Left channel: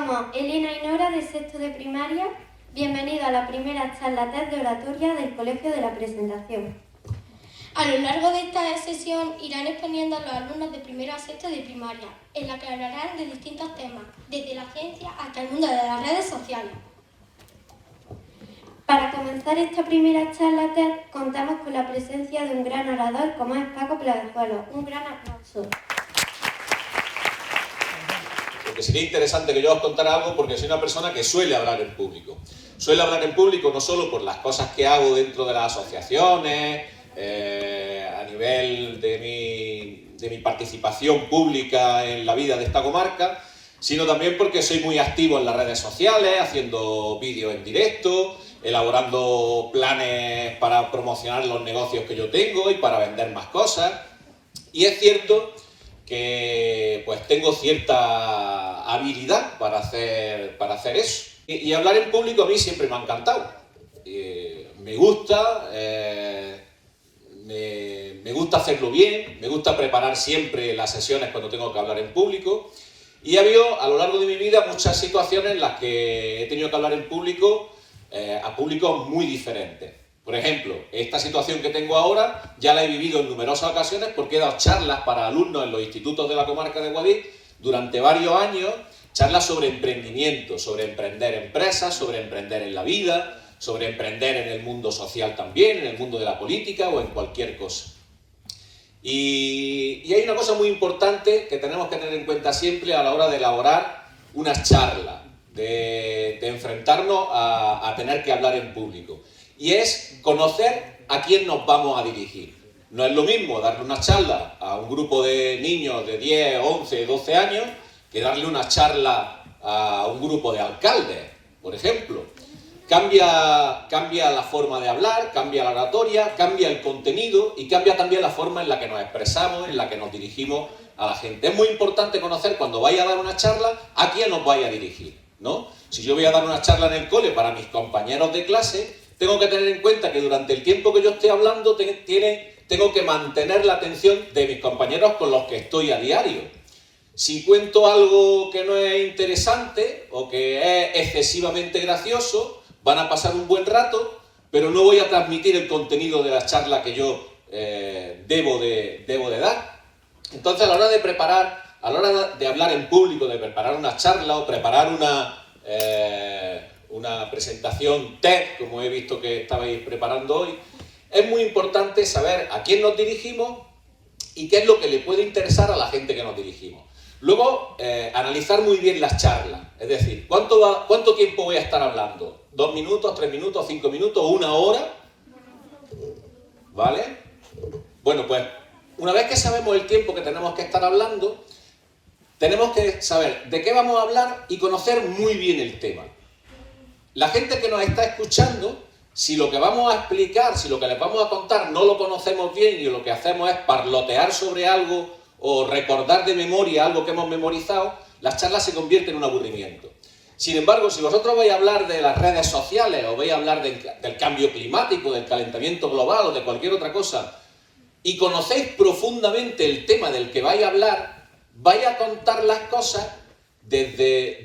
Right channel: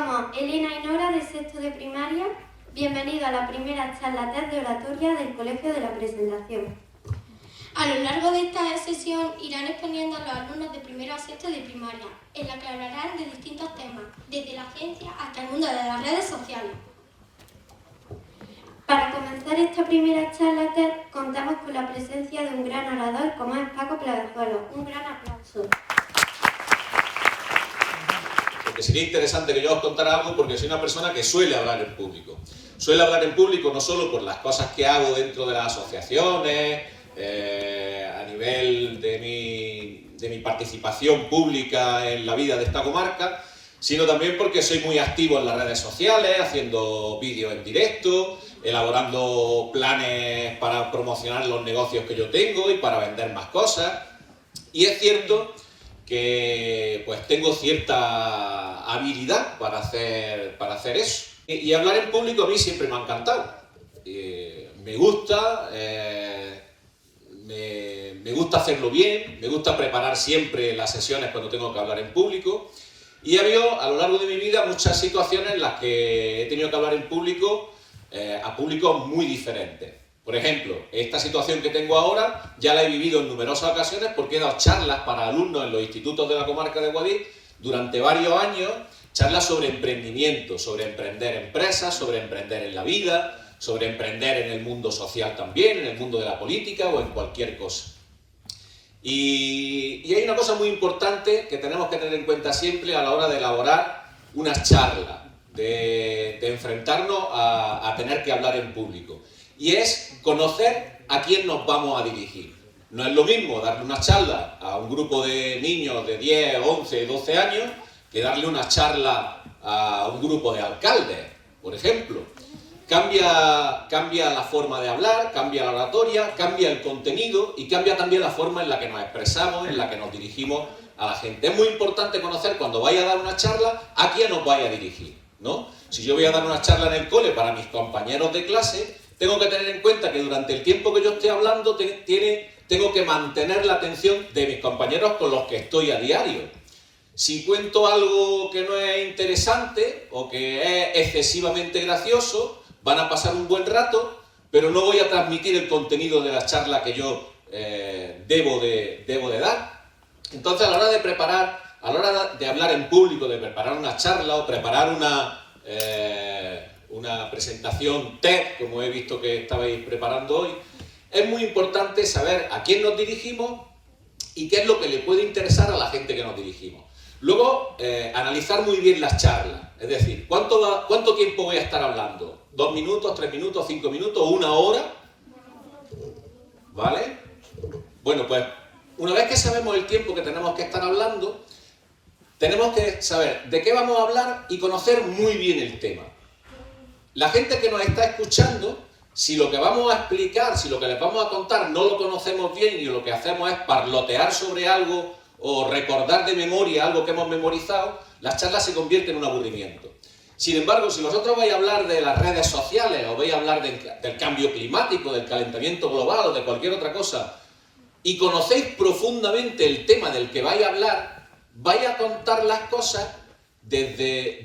Somos Elena y Nora de sexto de primaria. Bienvenido a la primera charla TED de oratoria del Colegio de la Presentación. A lo largo de esta sesión irán exponiendo a los alumnos de primero a sexto de primaria, en la que hablarán de distintos temas, desde la ciencia hasta el mundo de las redes sociales. Para comenzar esta primera charla TED, contamos con la presencia de un gran orador como es Paco Pleguezuelo. Un gran aplauso. Porque sería interesante que yo os contara algo, porque soy una persona que suele hablar en público. Suele hablar en público no solo por las cosas que hago dentro de las asociaciones, a nivel de mi participación pública en la vida de esta comarca, sino también porque soy muy activo en las redes sociales, haciendo vídeos en directo, elaborando planes para promocionar los negocios que yo tengo y para vender más cosas. Y es cierto que pues tengo cierta habilidad para hacer eso. Y hablar en público a mí siempre me ha encantado. Me gusta, me gusta hacerlo bien, me gusta preparar siempre las sesiones cuando tengo que hablar en público. Y ha habido a lo largo de mi vida muchas situaciones en las que he tenido que hablar en público a públicos muy diferentes. Por ejemplo, esta situación que tengo ahora ya la he vivido en numerosas ocasiones porque he dado charlas para alumnos en los institutos de la comarca de Guadix durante varios años, charlas sobre emprendimiento, sobre emprender empresas, sobre emprender en la vida, sobre emprender en el mundo social también, en el mundo de la política o en cualquier cosa. Y hay una cosa muy importante que tenemos que tener en cuenta siempre a la hora de elaborar unas charlas, de enfrentarnos a tener que hablar en público. Y es conocer a quién nos vamos a dirigir. No es lo mismo darle una charla a un grupo de niños de 10, 11, 12 años que darle una charla a un grupo de alcaldes, por ejemplo. Cambia la forma de hablar, cambia la oratoria, cambia el contenido y cambia también la forma en la que nos expresamos, en la que nos dirigimos a la gente. Es muy importante conocer cuando vaya a dar una charla a quién nos vaya a dirigir, ¿no? Si yo voy a dar una charla en el cole para mis compañeros de clase, tengo que tener en cuenta que durante el tiempo que yo esté hablando tengo que mantener la atención de mis compañeros con los que estoy a diario. Si cuento algo que no es interesante o que es excesivamente gracioso, van a pasar un buen rato, pero no voy a transmitir el contenido de la charla que yo debo de dar. Entonces, a la hora de preparar, a la hora de hablar en público, de preparar una charla o preparar una presentación TED, como he visto que estabais preparando hoy, es muy importante saber a quién nos dirigimos y qué es lo que le puede interesar a la gente que nos dirigimos. Luego, analizar muy bien las charlas, es decir, ¿cuánto tiempo voy a estar hablando? ¿2 minutos, 3 minutos, 5 minutos, 1 hora? ¿Vale? Bueno, pues una vez que sabemos el tiempo que tenemos que estar hablando, tenemos que saber de qué vamos a hablar y conocer muy bien el tema. La gente que nos está escuchando, si lo que vamos a explicar, si lo que les vamos a contar no lo conocemos bien y lo que hacemos es parlotear sobre algo o recordar de memoria algo que hemos memorizado, las charlas se convierten en un aburrimiento. Sin embargo, si vosotros vais a hablar de las redes sociales o vais a hablar del cambio climático, del calentamiento global o de cualquier otra cosa y conocéis profundamente el tema del que vais a hablar, vais a contar las cosas desde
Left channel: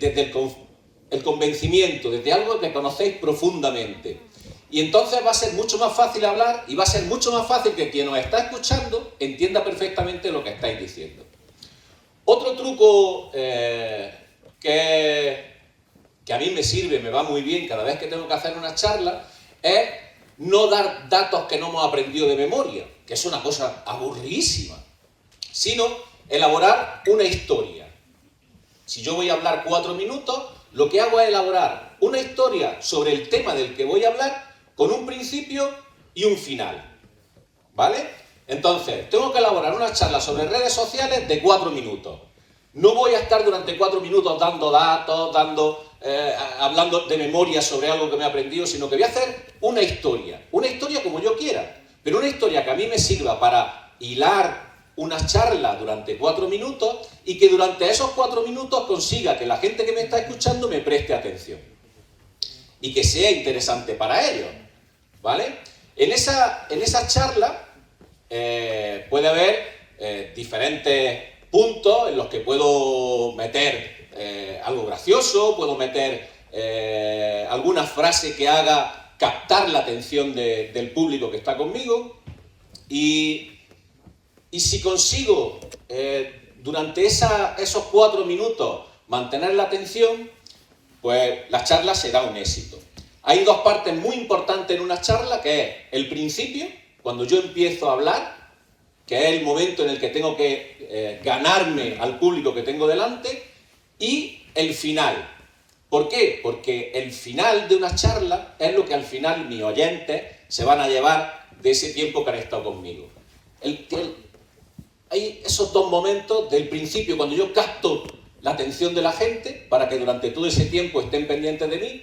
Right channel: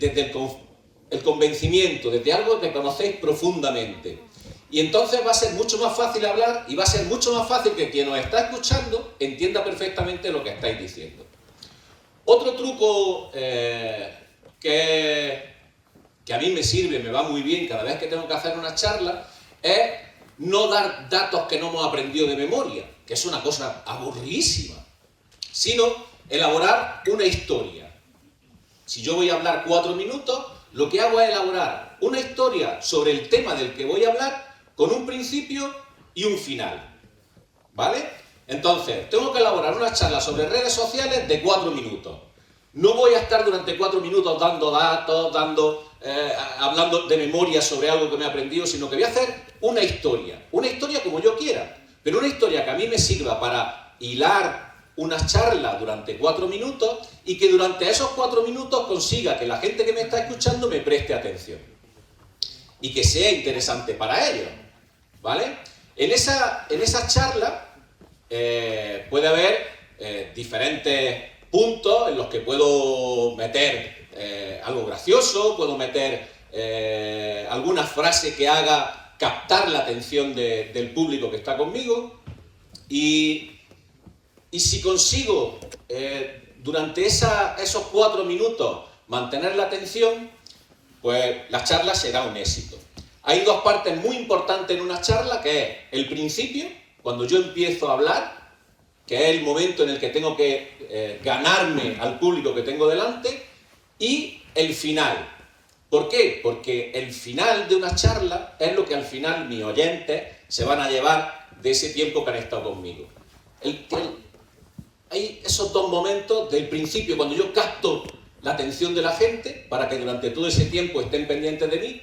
el convencimiento, desde algo que conocéis profundamente. Y entonces va a ser mucho más fácil hablar y va a ser mucho más fácil que quien os está escuchando entienda perfectamente lo que estáis diciendo. Otro truco que a mí me sirve, me va muy bien cada vez que tengo que hacer una charla, es no dar datos que no hemos aprendido de memoria, que es una cosa aburridísima, sino elaborar una historia. Si yo voy a hablar 4 minutos, lo que hago es elaborar una historia sobre el tema del que voy a hablar con un principio y un final, ¿vale? Entonces, tengo que elaborar una charla sobre redes sociales de 4 minutos. No voy a estar durante 4 minutos dando datos, hablando de memoria sobre algo que me he aprendido, sino que voy a hacer una historia como yo quiera, pero una historia que a mí me sirva para hilar una charla durante 4 minutos y que durante esos 4 minutos consiga que la gente que me está escuchando me preste atención y que sea interesante para ellos, ¿vale? En esa charla puede haber diferentes puntos en los que puedo meter algo gracioso, puedo meter alguna frase que haga captar la atención del público que está conmigo, y si consigo durante esos 4 minutos mantener la atención, pues la charla será un éxito. Hay 2 partes muy importantes en una charla, que es el principio, cuando yo empiezo a hablar, que es el momento en el que tengo que ganarme al público que tengo delante, y el final. ¿Por qué? Porque el final de una charla es lo que al final mis oyentes se van a llevar de ese tiempo que han estado conmigo. Hay esos 2 momentos del principio, cuando yo capto la atención de la gente para que durante todo ese tiempo estén pendientes de mí,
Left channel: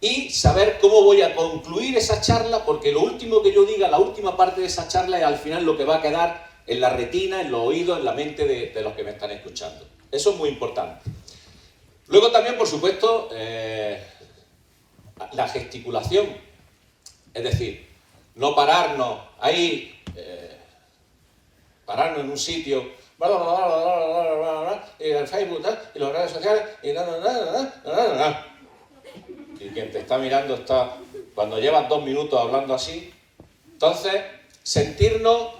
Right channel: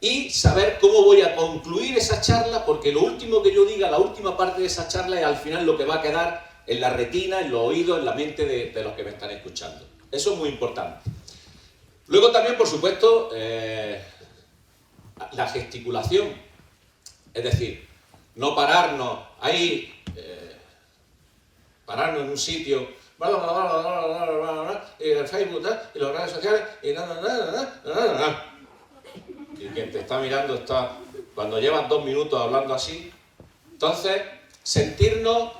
y saber cómo voy a concluir esa charla, porque lo último que yo diga, la última parte de esa charla, es al final lo que va a quedar en la retina, en los oídos, en la mente de los que me están escuchando. Eso es muy importante. Luego también, por supuesto, la gesticulación. Es decir, no pararnos ahí, pararnos en un sitio, y el Facebook, y las redes sociales, y quien te está mirando está, cuando llevas 2 minutos hablando así. Entonces, sentirnos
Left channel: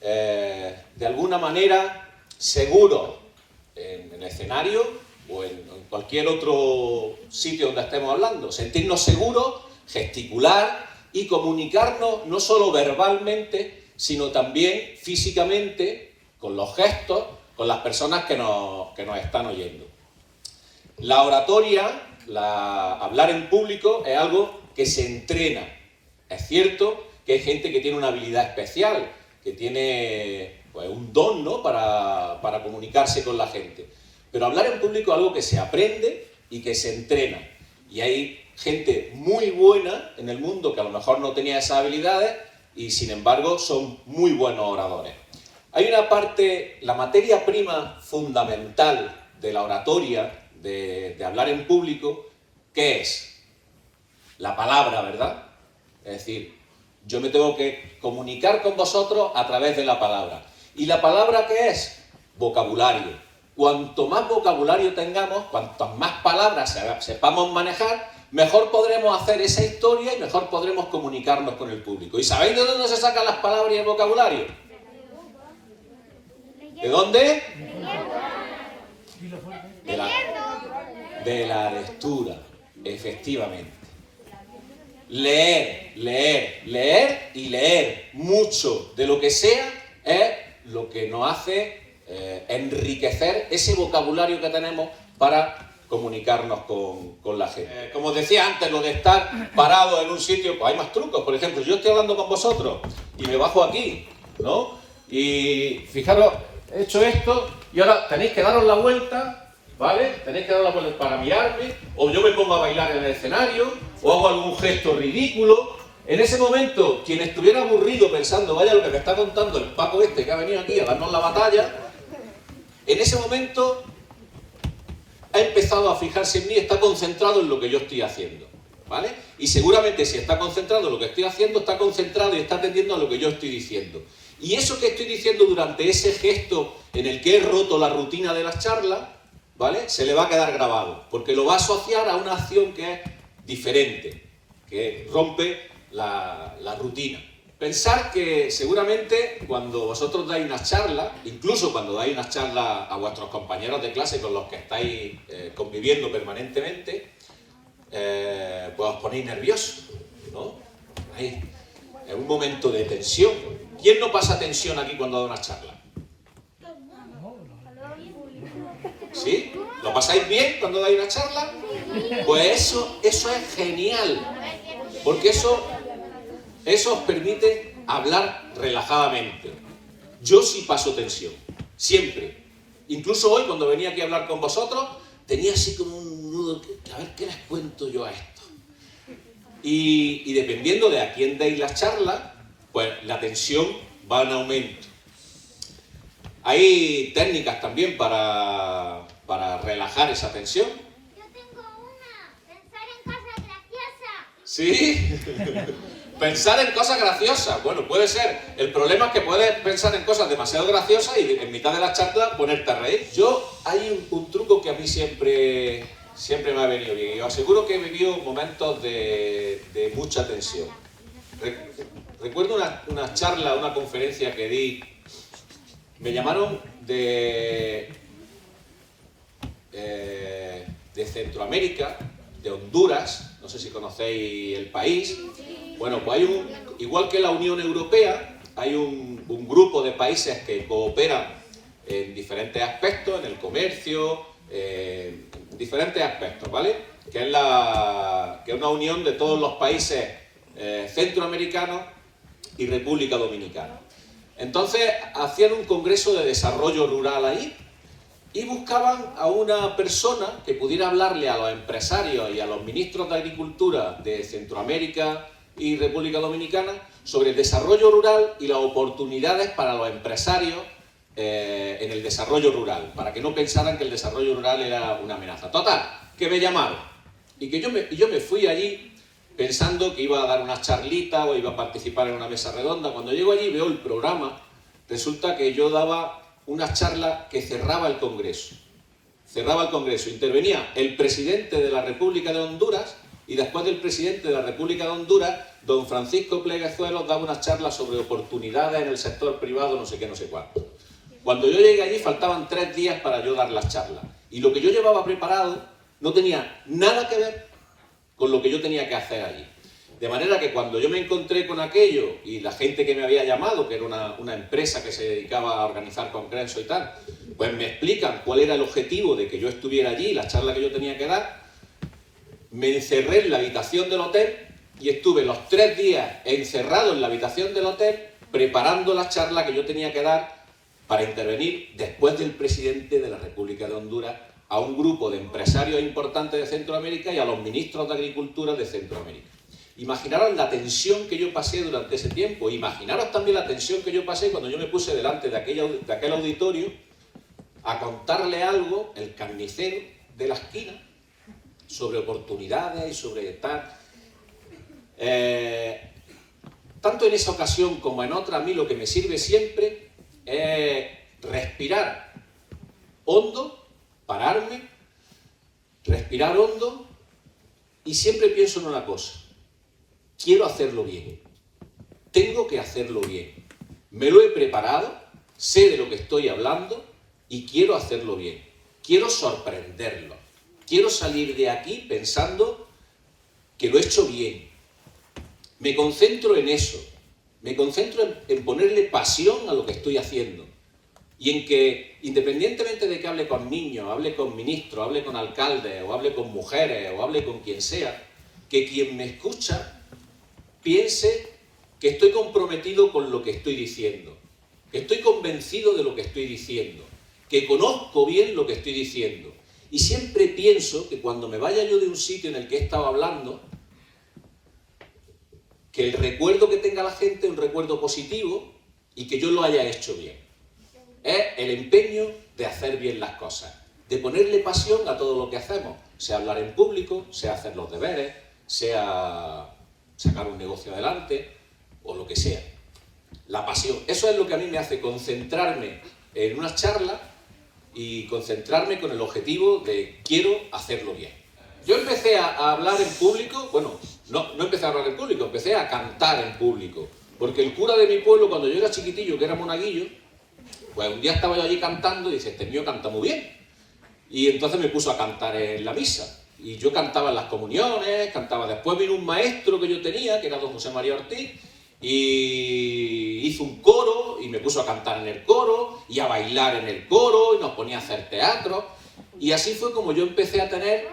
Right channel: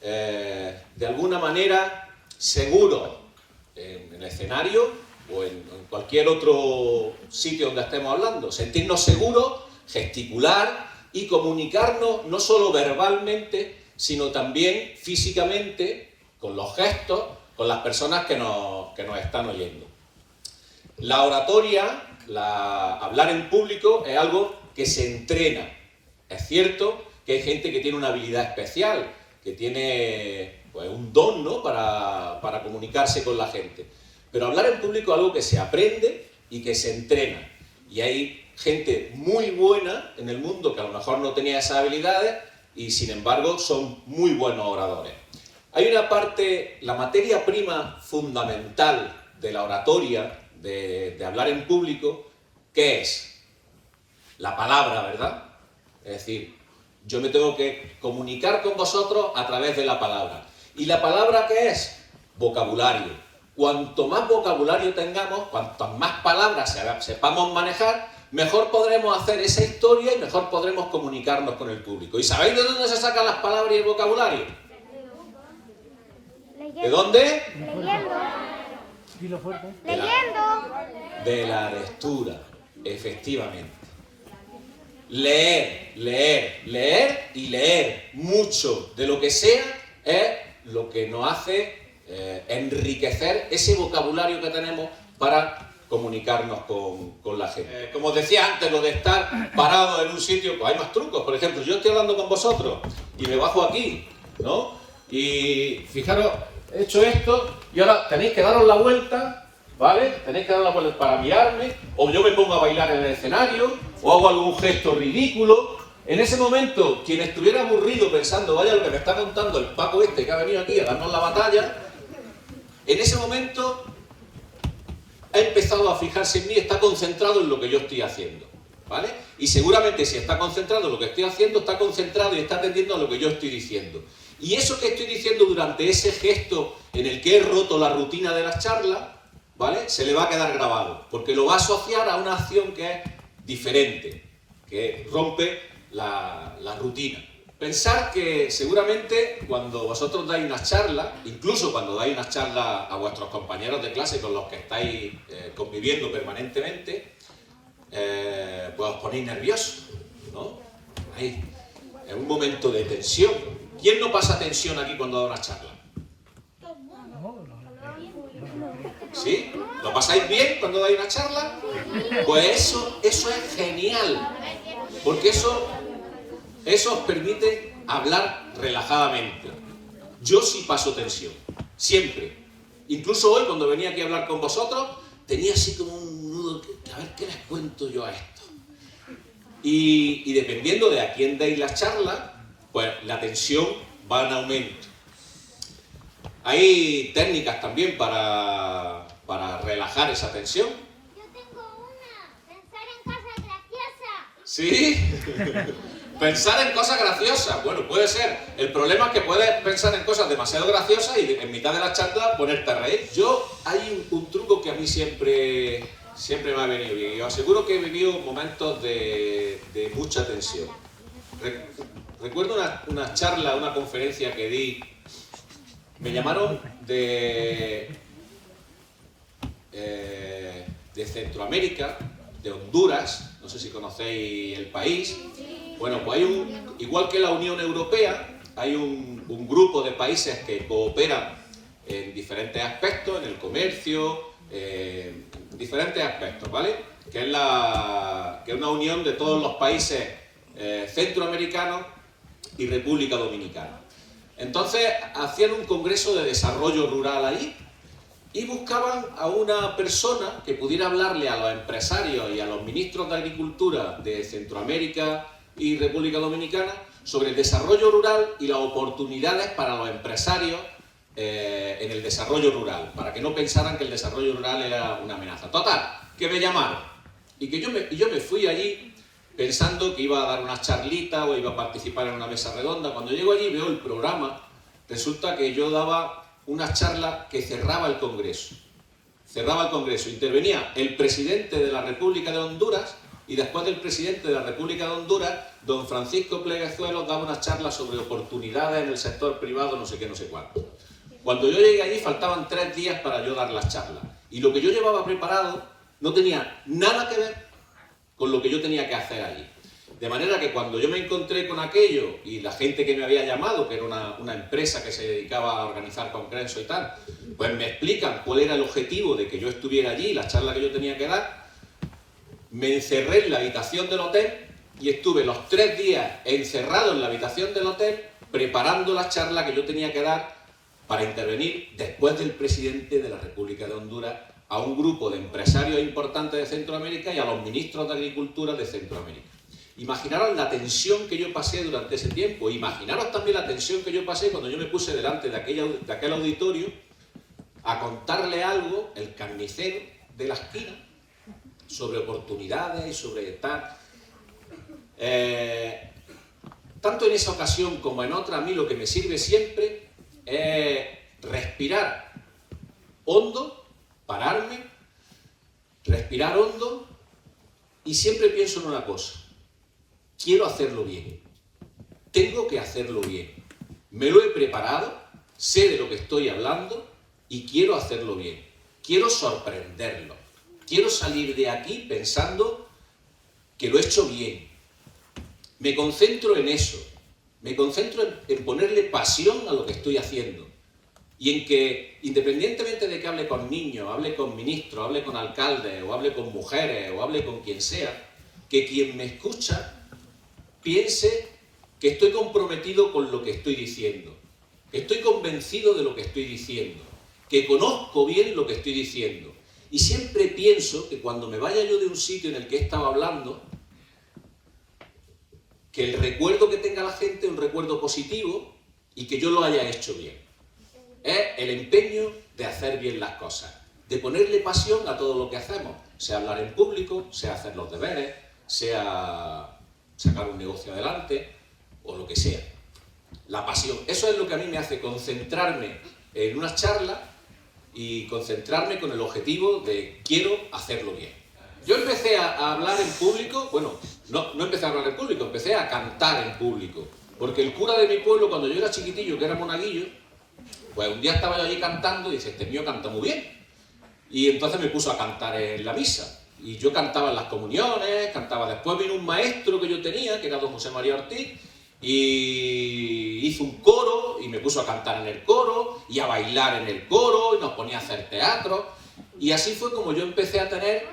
de alguna manera seguros en el escenario o en cualquier otro sitio donde estemos hablando, sentirnos seguros, gesticular y comunicarnos no solo verbalmente, sino también físicamente, con los gestos, con las personas que nos están oyendo. La oratoria, hablar en público, es algo que se entrena. Es cierto que hay gente que tiene una habilidad especial, que tiene pues, un don, ¿no?, para comunicarse con la gente. Pero hablar en público es algo que se aprende y que se entrena. Y hay gente muy buena en el mundo que a lo mejor no tenía esas habilidades y sin embargo son muy buenos oradores. Hay una parte, la materia prima fundamental de la oratoria, de hablar en público, que es la palabra, ¿verdad? Es decir, yo me tengo que comunicar con vosotros a través de la palabra. ¿Y la palabra qué es? Vocabulario. Cuanto más vocabulario tengamos, cuantas más palabras sepamos manejar, mejor podremos hacer esa historia y mejor podremos comunicarnos con el público. ¿Y sabéis de dónde se sacan las palabras y el vocabulario? ¿De dónde? De la lectura, efectivamente. Leer, leer, leer y leer mucho de lo que sea es lo que nos hace enriquecer ese vocabulario que tenemos para comunicarnos con la gente. Como os decía antes, lo de estar parado en un sitio, pues hay más trucos. Por ejemplo, yo estoy hablando con vosotros y me bajo aquí, ¿no? Y fijaros, he hecho esto y ahora tenéis que daros la vuelta, ¿vale? Tenéis que dar la vuelta para mirarme, o yo me pongo a bailar en el escenario, o hago algún gesto ridículo. En ese momento, quien estuviera aburrido pensando, vaya lo que me está contando el Paco este que ha venido aquí a darnos la batalla, en ese momento ha empezado a fijarse en mí, está concentrado en lo que yo estoy haciendo, ¿vale? Y seguramente si está concentrado en lo que estoy haciendo, está concentrado y está atendiendo a lo que yo estoy diciendo. Y eso que estoy diciendo durante ese gesto en el que he roto la rutina de las charlas, ¿vale?, se le va a quedar grabado, porque lo va a asociar a una acción que es diferente, que rompe la rutina. Pensar que seguramente cuando vosotros dais una charla, incluso cuando dais una charla a vuestros compañeros de clase con los que estáis conviviendo permanentemente, pues os ponéis nerviosos, ¿no? Ahí, es un momento de tensión. ¿Quién no pasa tensión aquí cuando da una charla? ¿Sí? ¿Lo pasáis bien cuando dais una charla? Pues eso es genial, porque eso os permite hablar relajadamente. Yo sí paso tensión, siempre. Incluso hoy, cuando venía aquí a hablar con vosotros, tenía así como un nudo, a ver qué les cuento yo a esto. Y dependiendo de a quién deis la charla, pues la tensión va en aumento. Hay técnicas también para relajar esa tensión. Yo tengo una, pensar en cosas graciosas. ¿Sí? Pensar en cosas graciosas, bueno, puede ser. El problema es que puedes pensar en cosas demasiado graciosas y en mitad de la charla ponerte a reír. Hay un truco que a mí siempre me ha venido bien. Y os aseguro que he vivido momentos de mucha tensión. Recuerdo una charla, una conferencia que di. Me llamaron de Centroamérica, de Honduras, no sé si conocéis el país. Bueno, pues igual que la Unión Europea, hay un grupo de países que cooperan en diferentes aspectos, en el comercio, en diferentes aspectos, ¿vale? Que es una unión de todos los países centroamericanos y República Dominicana. Entonces, hacían un congreso de desarrollo rural ahí, y buscaban a una persona que pudiera hablarle a los empresarios y a los ministros de Agricultura de Centroamérica y República Dominicana sobre el desarrollo rural y las oportunidades para los empresarios en el desarrollo rural, para que no pensaran que el desarrollo rural era una amenaza. Total, que me llamaron y que yo me fui allí pensando que iba a dar una charlita o iba a participar en una mesa redonda. Cuando llego allí y veo el programa, resulta que yo daba una charla que cerraba el Congreso. Intervenía el presidente de la República de Honduras y después del presidente de la República de Honduras, don Francisco Pleguezuelos daba una charla sobre oportunidades en el sector privado, no sé qué, no sé cuánto. Cuando yo llegué allí faltaban 3 días para yo dar las charlas. Y lo que yo llevaba preparado no tenía nada que ver con lo que yo tenía que hacer allí. De manera que cuando yo me encontré con aquello y la gente que me había llamado, que era una empresa que se dedicaba a organizar congresos y tal, pues me explican cuál era el objetivo de que yo estuviera allí, la charla que yo tenía que dar, me encerré en la habitación del hotel y estuve los 3 días encerrado en la habitación del hotel preparando la charla que yo tenía que dar para intervenir después del presidente de la República de Honduras a un grupo de empresarios importantes de Centroamérica y a los ministros de Agricultura de Centroamérica. Imaginaros la tensión que yo pasé durante ese tiempo. Imaginaros también la tensión que yo pasé cuando yo me puse delante de aquel auditorio a contarle algo, el carnicero de la esquina, sobre oportunidades y sobre tal. Tanto en esa ocasión como en otra, a mí lo que me sirve siempre es respirar hondo, pararme, respirar hondo, y siempre pienso en una cosa. Quiero hacerlo bien, tengo que hacerlo bien, me lo he preparado, sé de lo que estoy hablando y quiero hacerlo bien, quiero sorprenderlo, quiero salir de aquí pensando que lo he hecho bien. Me concentro en eso, me concentro en ponerle pasión a lo que estoy haciendo y en que, independientemente de que hable con niños, hable con ministros, hable con alcaldes o hable con mujeres o hable con quien sea, que quien me escucha piense que estoy comprometido con lo que estoy diciendo, que estoy convencido de lo que estoy diciendo, que conozco bien lo que estoy diciendo. Y siempre pienso que cuando me vaya yo de un sitio en el que he estado hablando, que el recuerdo que tenga la gente es un recuerdo positivo y que yo lo haya hecho bien. Es el empeño de hacer bien las cosas, de ponerle pasión a todo lo que hacemos, sea hablar en público, sea hacer los deberes, sea sacar un negocio adelante o lo que sea. La pasión. Eso es lo que a mí me hace concentrarme en una charla y concentrarme con el objetivo de quiero hacerlo bien. Yo empecé a hablar en público, bueno, no empecé a hablar en público, empecé a cantar en público. Porque el cura de mi pueblo, cuando yo era chiquitillo, que era monaguillo, pues un día estaba yo allí cantando y dice, este mío canta muy bien. Y entonces me puso a cantar en la misa. Y yo cantaba en las comuniones, cantaba. Después vino un maestro que yo tenía, que era don José María Ortiz, y hizo un coro, y me puso a cantar en el coro, y a bailar en el coro, y nos ponía a hacer teatro. Y así fue como yo empecé a tener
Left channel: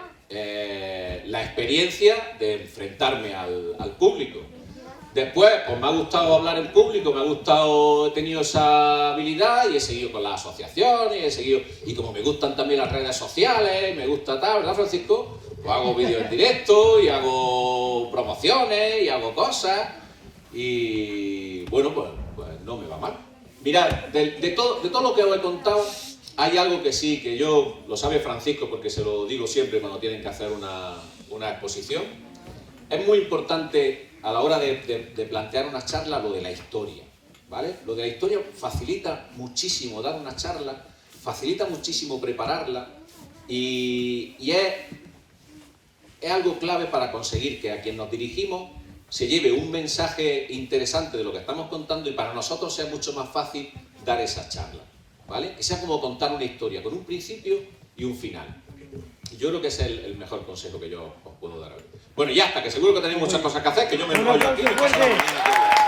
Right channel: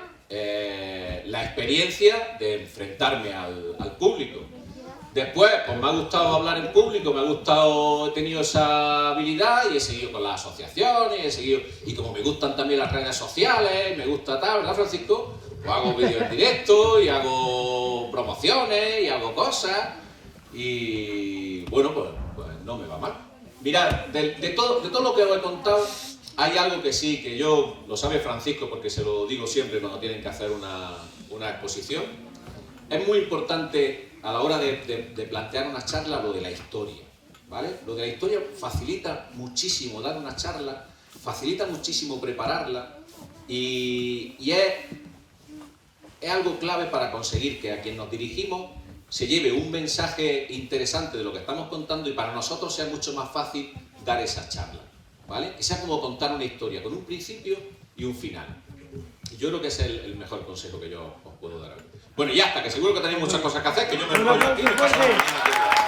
la experiencia de enfrentarme al público. Después, pues me ha gustado hablar en público, he tenido esa habilidad y he seguido con las asociaciones, y como me gustan también las redes sociales, me gusta tal, ¿verdad, Francisco? Pues hago vídeos en directo y hago promociones y hago cosas y bueno, pues no me va mal. Mirad, de todo lo que os he contado, hay algo que sí, que yo, lo sabe Francisco porque se lo digo siempre cuando tienen que hacer una exposición. Es muy importante a la hora de plantear una charla lo de la historia, ¿vale? Lo de la historia facilita muchísimo dar una charla, facilita muchísimo prepararla y es algo clave para conseguir que a quien nos dirigimos se lleve un mensaje interesante de lo que estamos contando y para nosotros sea mucho más fácil dar esa charla, ¿vale? Que sea como contar una historia con un principio y un final. Yo creo que ese es el mejor consejo que yo os puedo dar hoy. Bueno, ya está, que seguro que tenéis muchas cosas que hacer, que yo me enrollo aquí y me paso la mañana.